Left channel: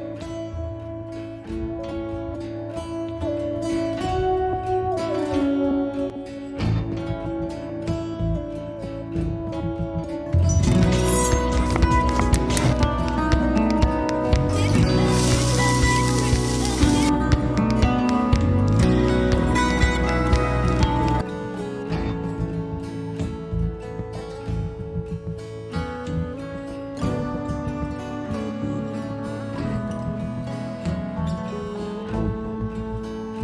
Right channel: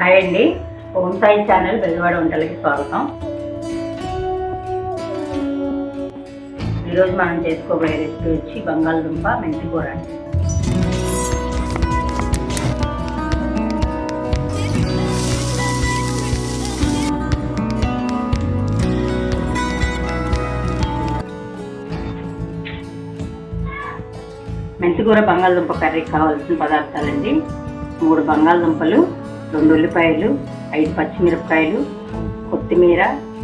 Hi అండి, home Sai channel Bezawada వంటలకి స్వాగతం. ఈరోజు మనం చేసుకోబోయే రెసిపీ వచ్చి బంగాళదుంప మెంతి కూర. మెంతి కూర బంగాళదుంప కర్రీకి కావాల్సిన పదార్థాలండి: 3 బంగాళదుంపలు, 2 ఉల్లిపాయలు, 5 పచ్చిమిరపకాయలు, కొత్తిమీర,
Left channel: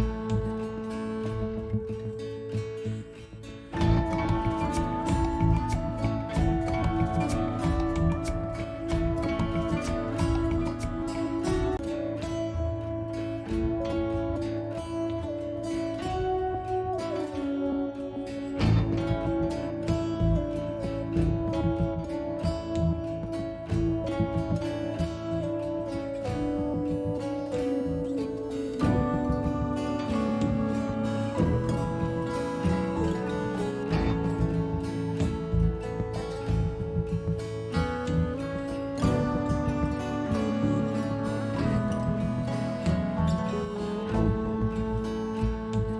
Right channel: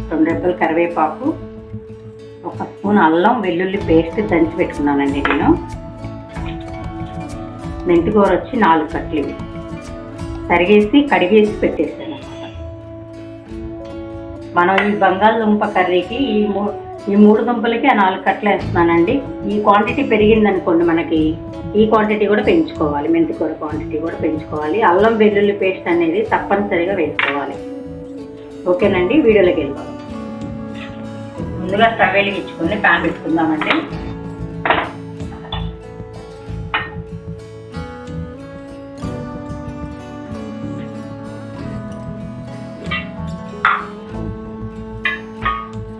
2 రెబ్బలు కరివేపాకు, 1 స్పూన్ అల్లం వెల్లుల్లి పేస్ట్ దంచి పెట్టుకున్నానండి. నేను మెంతి కూర వచ్చి 4 కట్లు తరిగేసి కడిగేసి పెట్టేస్తాను. మనం ఈ బంగాళదుంప కర్రీకి ఈ 3 దుంపలకి 4 కట్లు వేస్తున్నానండి. ఈ క్వాంటిటీ పెరిగిందనుకోండి, మనకి ఈ క్వాంటిటీ కూడా పెంచుకోవాలి, మెంతికూర క్వాంటిటీ కూడా పెంచుకోవాలి. అల్లం వెల్లుల్లి పేస్ట్ అనేది తప్పనిసరిగా వేసుకోవాలి. ఓకేనండి, వీడియోలోకి వెళ్దాం. ముందుగా స్టవ్ వెలిగించుకుని ప్యాన్ పెట్టుకుందామండి.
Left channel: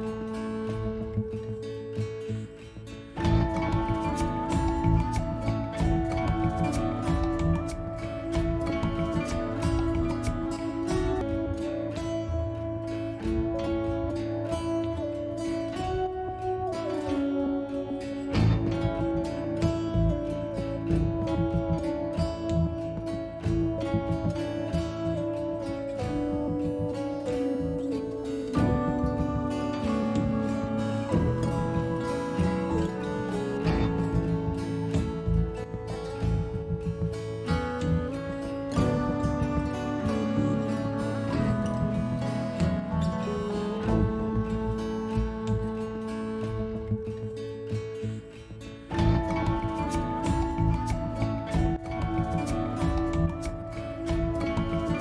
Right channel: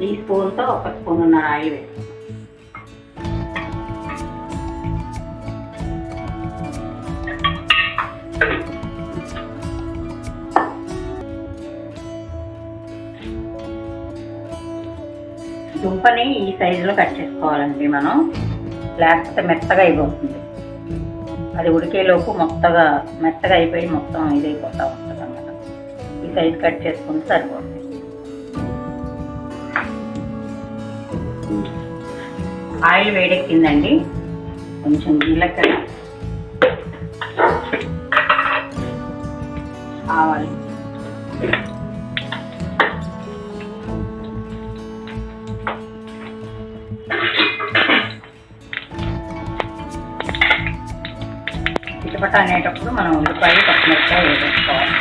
ఈ స్పూన్తో 1 స్పూన్ ఉన్న ఆయిల్ వేసి దుంపని ఈ సైజులో కట్ చేసుకోవాలండి. మనం లేకపోతే మెత్తగా అయిపోతుంది. అది ఉడికేలోపు మెత్తగా అయిపోయి మొత్తం ఇదైపోతూ ఉంటుంది అన్నమాట. ఈ సైజు కట్ చేసుకుంటే సరిపోతుంది. ఆయిల్ వేడెక్కిందండి. కొంచెం జీలకర్ర, ఆవాలు, చిటపట అనేటప్పుడు మనం ఉల్లిపాయ పచ్చిమిరపకాయ వేసుకోవాలి.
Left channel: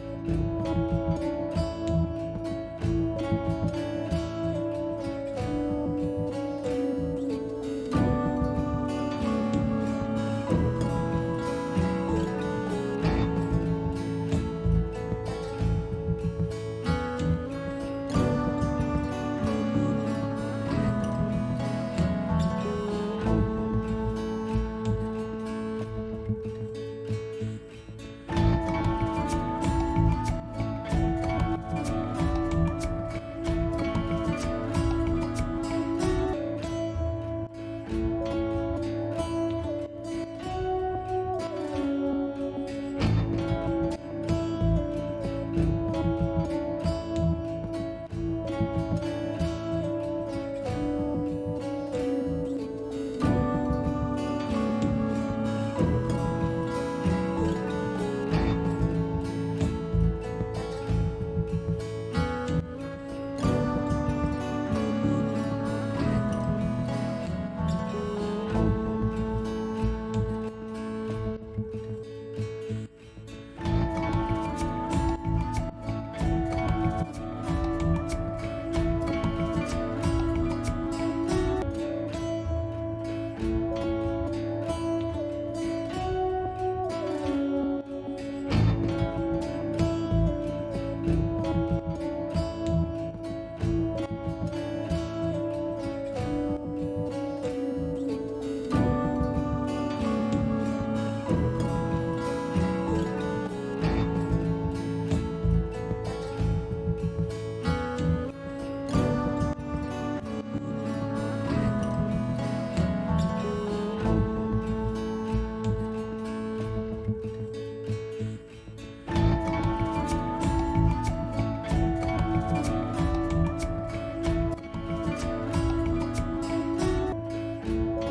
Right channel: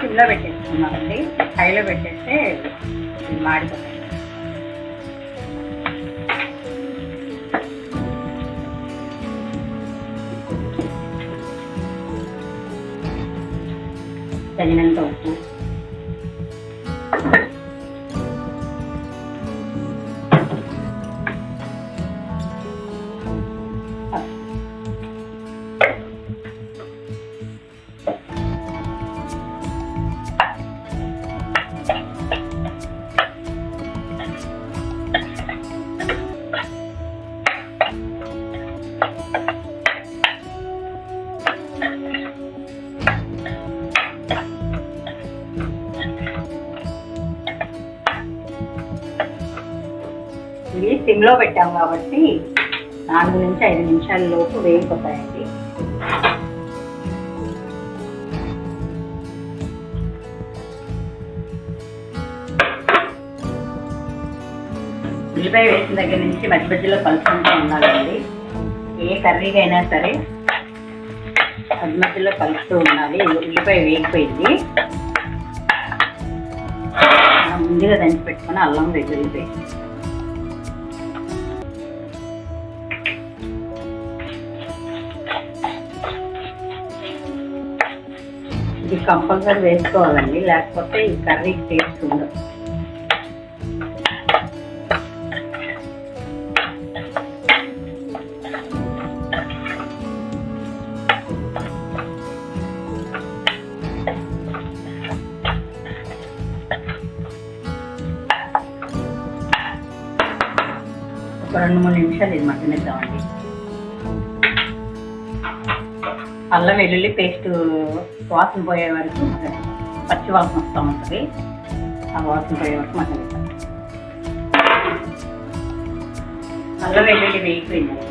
సిమ్లో పెట్టేసుకున్నామండి. హైలో పెట్టేస్తే మాడిపోతుంది. తగినంత ఉప్పు, సిమ్లో పెట్టాం కాబట్టి 4 నుంచి 5 నిమిషాల లోపు వేగిపోతాయండి. ఉల్లిపాయ వేసిన దగ్గర నుంచి మధ్య మధ్యలో కలుపుకుంటూ ఉండాలండి. ఏ కర్రీగా అయినా సరే మధ్య మధ్యలో కలుపుతూ ఉండాలి. ఉల్లిపాయ వేగిపోయింది. ముందుగా దంచి పెట్టుకుని అల్లం వెల్లుల్లి పేస్ట్, ఇది కంపల్సరీ వేసుకోవాలండి, లేకపోతే ఈ కర్రీకి టేస్ట్ ఉండదు. ఒక 2-3 నిమిషాలు ఇది మగ్గనిద్దామండి. అల్లం వెల్లుల్లి పేస్ట్ వాసన పోయే వరకు, పచ్చి వాసన వస్తూ ఉంటుంది. ఆ వాసన పోయే వరకు మగ్గనిద్దాం. అల్లం వెల్లుల్లి వేగిపోయిందండి.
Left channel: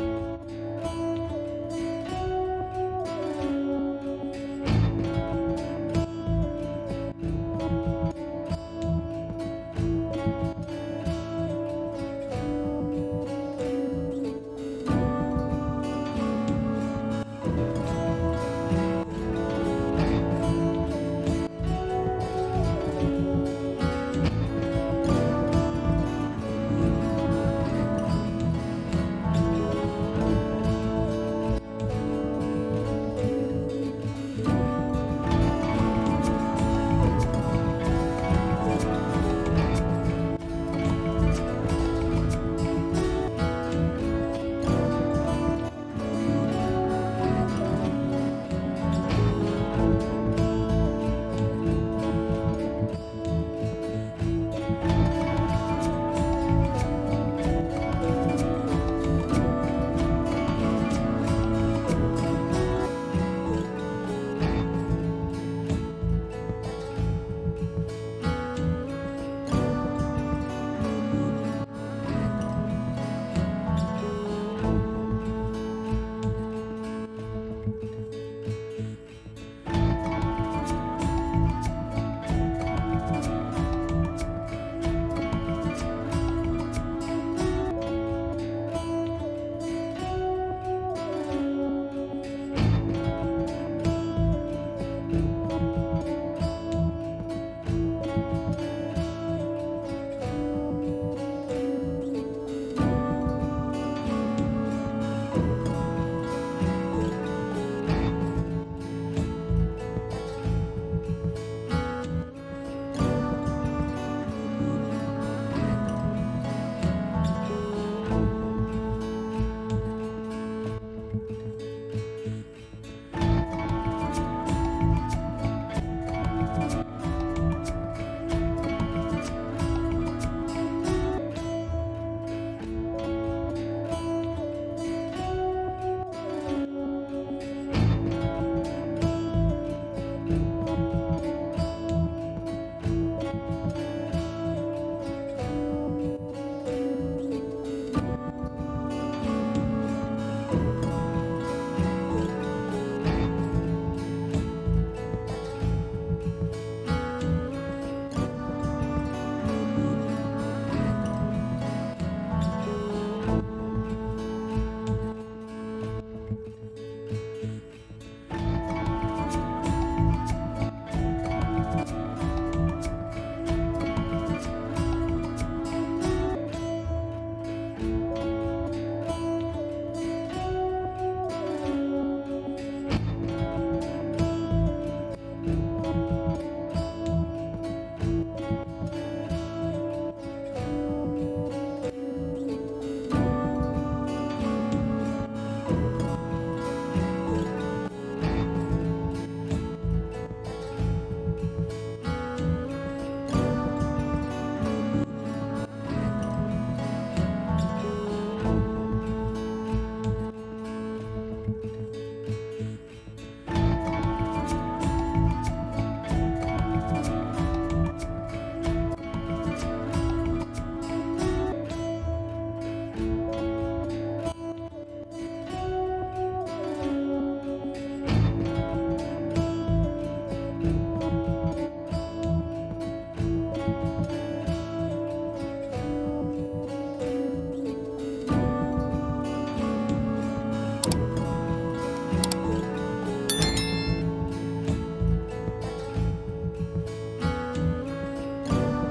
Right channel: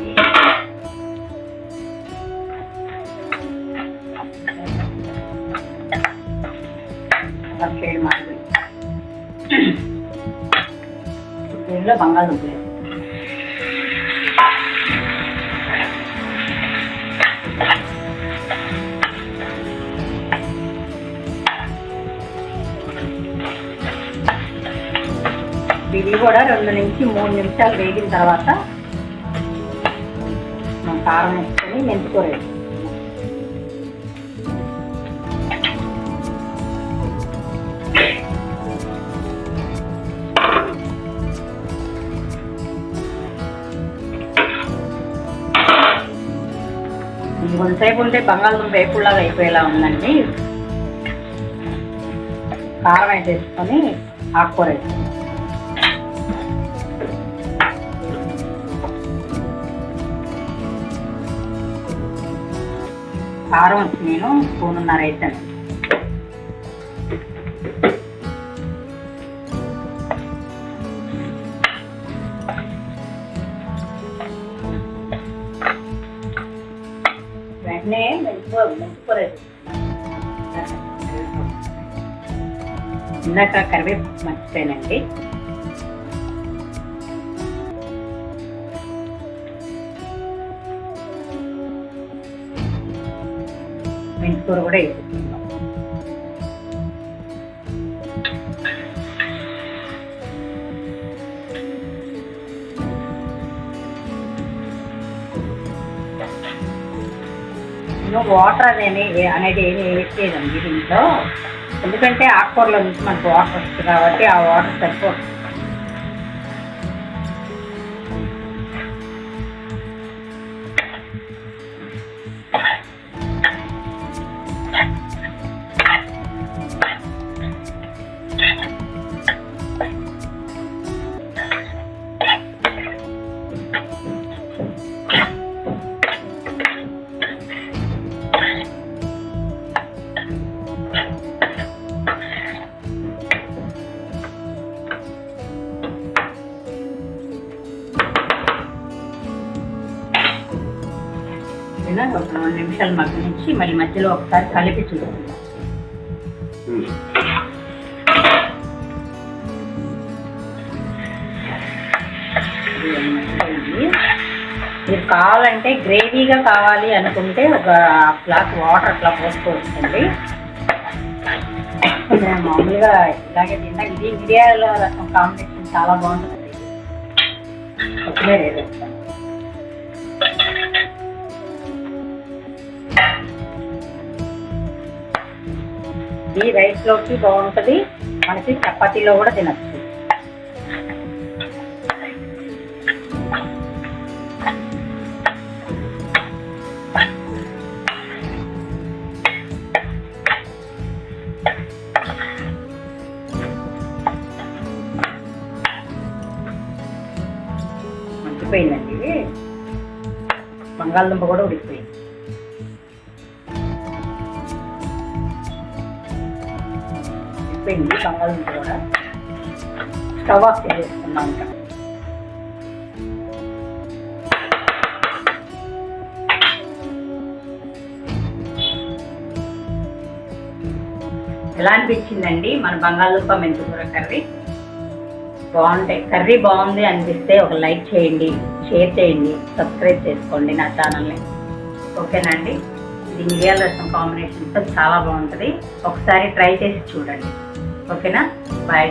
దీనిలో బంగాళదుంప ఇవి కూడా 2 నుంచి 3 నిమిషాలు వేగిన తర్వాత కారం వేసుకొని మెంతికూర కొంతసేపు ఉంటే బంగాళదుంప వేపుడులాగా అయిపోయేలా ఉందండి. కారం వేసేసుకొని ఆకుకూర కారం వచ్చి నేను 1.5 వేసాను. వెంటనే మెంతికూర ఇందాక కరివేపాకు మర్చిపోయానండి. మెంతికూర కూడా వేసుకుంటాం. వాటర్ అనేది ఏమి వేసేదండి దీంట్లో, ఎందుకంటే ఆకుకూరలో నుంచి మనకు వాటర్ వస్తుంది కాబట్టి ఆ వాటర్ సరిపోతుంది. ఒక 2 నిమిషాలు మగ్గించి మళ్ళీ మధ్యలో ఒకసారి కలిపి చూడండి. మీరు కావాలంటే గ్రేవీగా కావాలి అనుకుంటే ఒక గ్లాస్ వాటర్ అట్లా పోసుకోవచ్చండి. మామూలుగా ఇలాగే తిన్నా ఇది మిరియాల రసం కాంబినేషన్ చాలా బాగుంటుంది. ఒకే లేదు ఇది రైస్లోకి బాగుంటుంది, మనకి చపాతీలో కూడా తినచ్చు. ఉడికిపోయిందండి, బంగాళదుంప కూడా ఉడికిపోయింది. బంగాళదుంప కూడా స్టవ్ ఆఫ్ చేసుకున్నాం. ఎలా అనిపించిందండి మన బంగాళదుంప మెంతికూర కర్రీ? కర్రీ బాగుంది అనిపిస్తే ఒక లైక్ చేయండి, షేర్ చేయండి, సబ్స్క్రైబ్ చేసుకోండి నా ఛానల్ని. ఓకేనా అండి? ఇది మిరియాల రసం కాంబినేషన్తో చాలా బాగుంటుంది, ఒకసారి ట్రై చేసి చూడండి. ఓకేనా? బాయ్.